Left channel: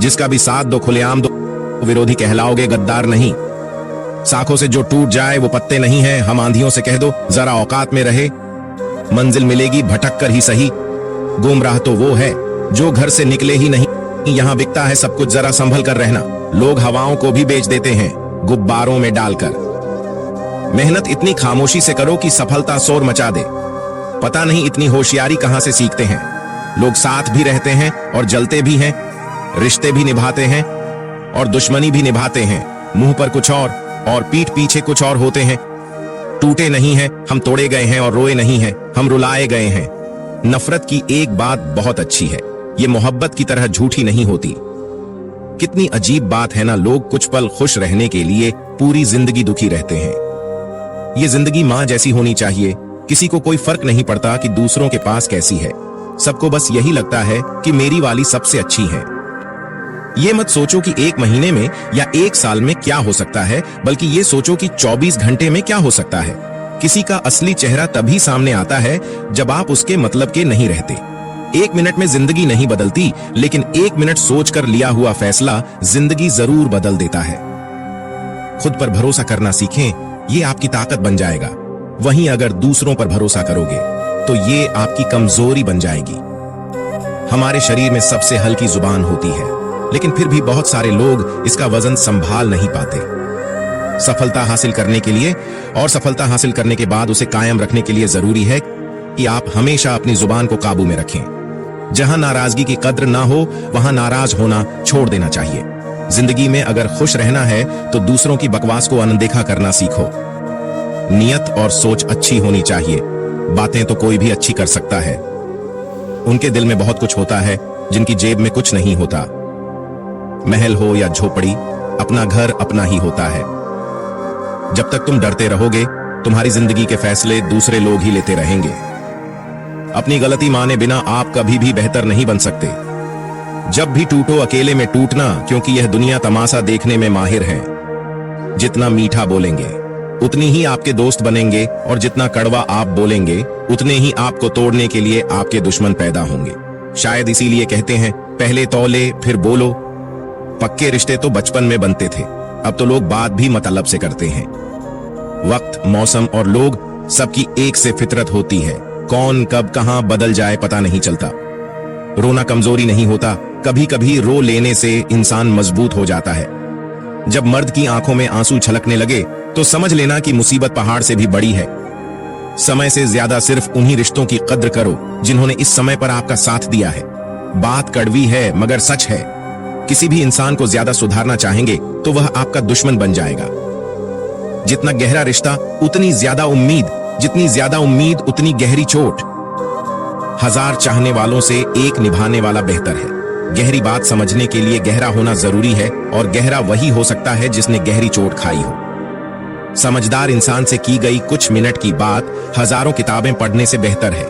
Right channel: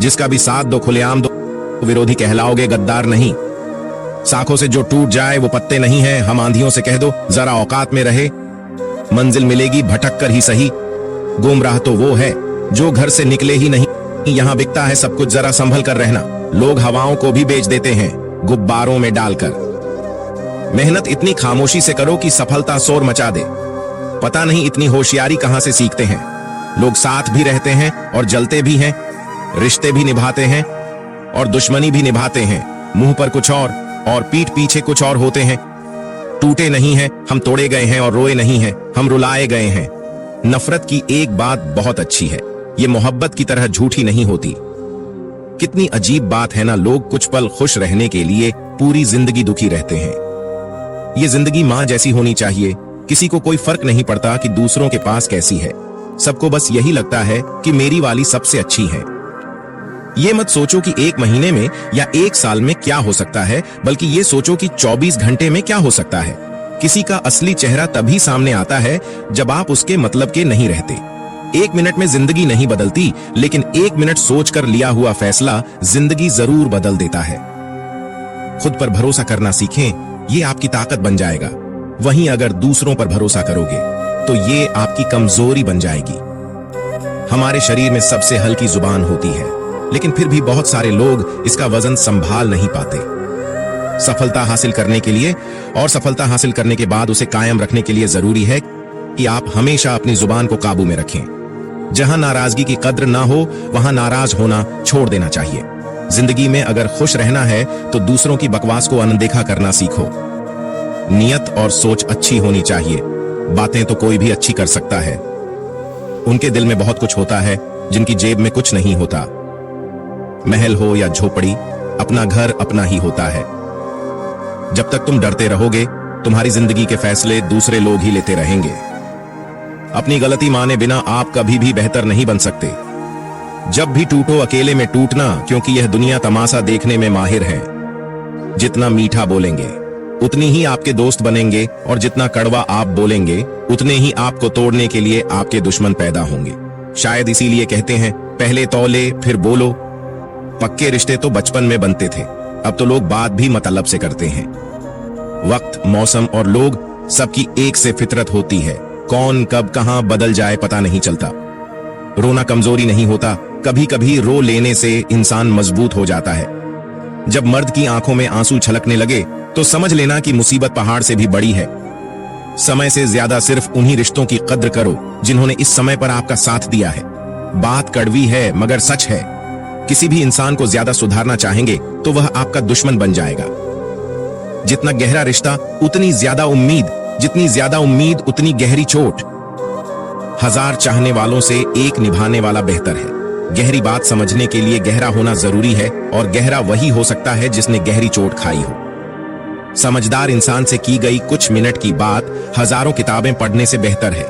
जिसका भी साथ दो खुलेआम दो, विरोधी कहलाओगे, गद्दार नहीं। साखों से जो टूट जाए वो पत्ते नहीं है, हम आंधियों से कह दो जरा औकात में रहे। मंजिल मिलेगी भटक कर ही सही, गुमराह तो वो है जो घर से निकले ही नहीं। यहाँ बिकता है सब कुछ, जरा संभल कर रहना। लोग हवाओं को भी बेच देते हैं गुब्बारों में डालकर। मेहनत इतनी खामोशी से करो कि सफलता शोर मचा दे। पता नहीं इतनी होशियारी कहां से सीखते हैं। लोग साथ भी रहते हैं और जलते भी हैं, रिश्ते भी निभाते हैं और दुश्मनी भी निभाते हैं। मुंह पर कुछ और पीठ पीछे कुछ और होते हैं। टूटे नहीं हैं हम, तोड़े गए हैं, और रोए नहीं हैं हम, रुलाए गए हैं। नफरत की एक बात बहुत अच्छी है, ये मोहब्बत की तरह झूठी नहीं होती। कितनी अजीब बात है ना, लोग कुछ पल खुश रहने के लिए पूरी जिंदगी दुखी रहते हैं। ये जिंदगी माँ जैसी होनी चाहिए, किसी को कोई फर्क नहीं पड़ता कि दूसरों के पास कैसी है। सबको बस यही लगता है कि मेरी वाली सबसे अच्छी है। ये मत सोचो कि एक महीने में या एक साल में क्या हो सकता है, बल्कि ये सोचो कि 24 घंटे में क्या हो सकता है। किसी का असली चेहरा तभी सामने आता है जब आप उसके मतलब के नहीं रहते। 1 मिनट में जिंदगी नहीं बदलती, लेकिन 1 मिनट सोचकर लिया हुआ फैसला जिंदगी जरूर बदल देता है। खुद पर भरोसा करना सीखें, ये आपकी ताकत बन जाएगा। वहीं अगर दूसरों पर भरोसा करोगे तो ये आपकी कमजोरी बन जाएगी। हमारे शरीर में सबसे हल्की जुबान होती है, लेकिन फिर भी बहुत सारे लोग इसका वजन संभाल नहीं पाते। सफलता हासिल करने के लिए और सफलता हासिल करने के बाद उसे कायम रखने के लिए जरूरी है कि आप हमेशा अपनी जुबान को काबू में रखें। जहां नाराजगी की कद्र ना हो वहां नाराज होना छोड़ देना चाहिए। जिंदगी में अगर खुश रहना है तो दूसरों की बकवास को अनदेखा करना सीखो। नियत और सोच अच्छी होनी चाहिए। बातें तो कोई भी अच्छी कर सकता है। उनके दिल में बहुत कुछ होता है जिनकी जेब में कुछ नहीं होता। महल हो या झोपड़ी, अपना घर अपना ही होता है। जब तक तुम डरते रहोगे तुम्हारी जिंदगी के फैसले दूसरे लोग ही लेते रहेंगे। अपनी गलती माने बिना आप कभी भी बेहतर नहीं बन सकते। जब भी टूटो अकेले में टूटना, क्योंकि यह दुनिया तमाशा देखने में माहिर है। जितना मीठा बोलेंगे उतनी ही आपके दोस्त बनेंगे, और जितना कड़वा आप बोलेंगे उतने ही आपको तोड़ने के लिए आपके दुश्मन पैदा होंगे। शायद इसीलिए कहते हैं पहले तौले फिर बोलो। पक्के रिश्ते तो बचपन में बनते थे, अब तो लोग बात भी मतलब से करते हैं। वक्त, मौसम और लोग सबकी एक से फितरत होती है। कौन कब कहां बदल जाए पता नहीं चलता। रोना कमजोरी नहीं होता, कभी कभी रो लेने से इंसान मजबूत हो जाता है। जब मर्द की आंखों में आंसू छलकने लगे तो समझ लेना कि मुसीबत पहाड़ से भी बड़ी है। समय से ज्यादा सिर्फ उन्हीं रिश्तों की कद्र करो जिन्होंने इस समय पर आपका साथ दिया है। बात कड़वी है मगर सच है। किसी भी इंसान को ज्यादा सुधारना चाहेंगे तो वह आपका दुश्मन बन जाएगा। जितना गहरा रिश्ता उतनी ज्यादा उम्मीद, जितनी ज्यादा उम्मीद उतनी गहरी चोट। 1000 चाहने वालों से एक निभाने वाला बेहतर है। गहरी बात समझने के लिए गहरा होना जरूरी है, और गहरा वही हो सकता है जिसने गहरी चोट खाई हो। समझदार इंसान से की गई कुछ मिनट की बात हजारों किताबें पढ़ने से बेहतर है।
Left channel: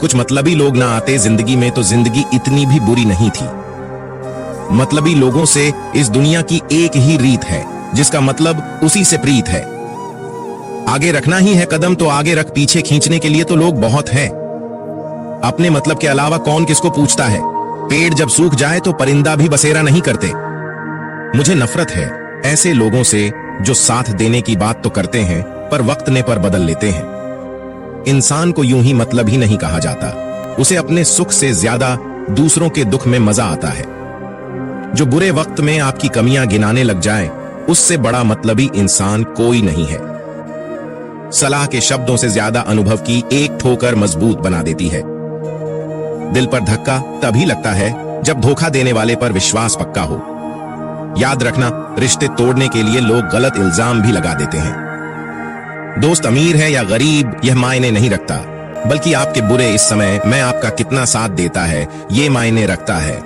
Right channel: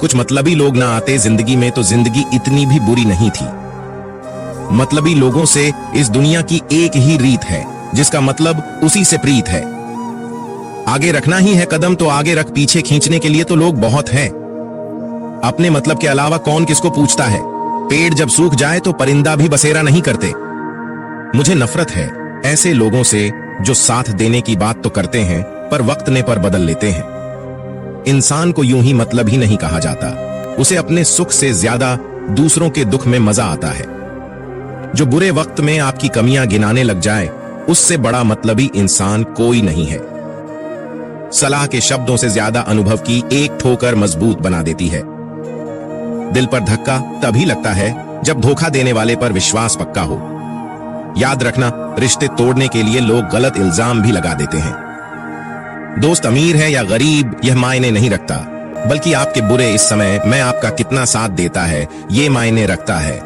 कुछ मतलबी लोग ना आते जिंदगी में तो जिंदगी इतनी भी बुरी नहीं थी। मतलबी लोगों से इस दुनिया की एक ही रीत है, जिसका मतलब उसी से प्रीत है। आगे रखना ही है कदम तो आगे रख, पीछे खींचने के लिए तो लोग बहुत हैं। अपने मतलब के अलावा कौन किसको पूछता है। पेड़ जब सूख जाए तो परिंदा भी बसेरा नहीं करते। मुझे नफरत है ऐसे लोगों से जो साथ देने की बात तो करते हैं पर वक्त ने पर बदल लेते हैं। इंसान को यूं ही मतलब ही नहीं कहा जाता, उसे अपने सुख से ज्यादा दूसरों के दुख में मजा आता है। जो बुरे वक्त में आपकी कमियां गिनाने लग जाए उससे बड़ा मतलबी इंसान कोई नहीं है। सलाह के शब्दों से ज्यादा अनुभव की एक ठोकर मजबूत बना देती है। दिल पर धक्का तभी लगता है जब धोखा देने वाले पर विश्वास पक्का हो। याद रखना, रिश्ते तोड़ने के लिए लोग गलत इल्जाम भी लगा देते हैं। दोस्त अमीर है या गरीब यह मायने नहीं रखता, बल्कि आपके बुरे इस समय में आपका कितना साथ देता है ये मायने रखता है।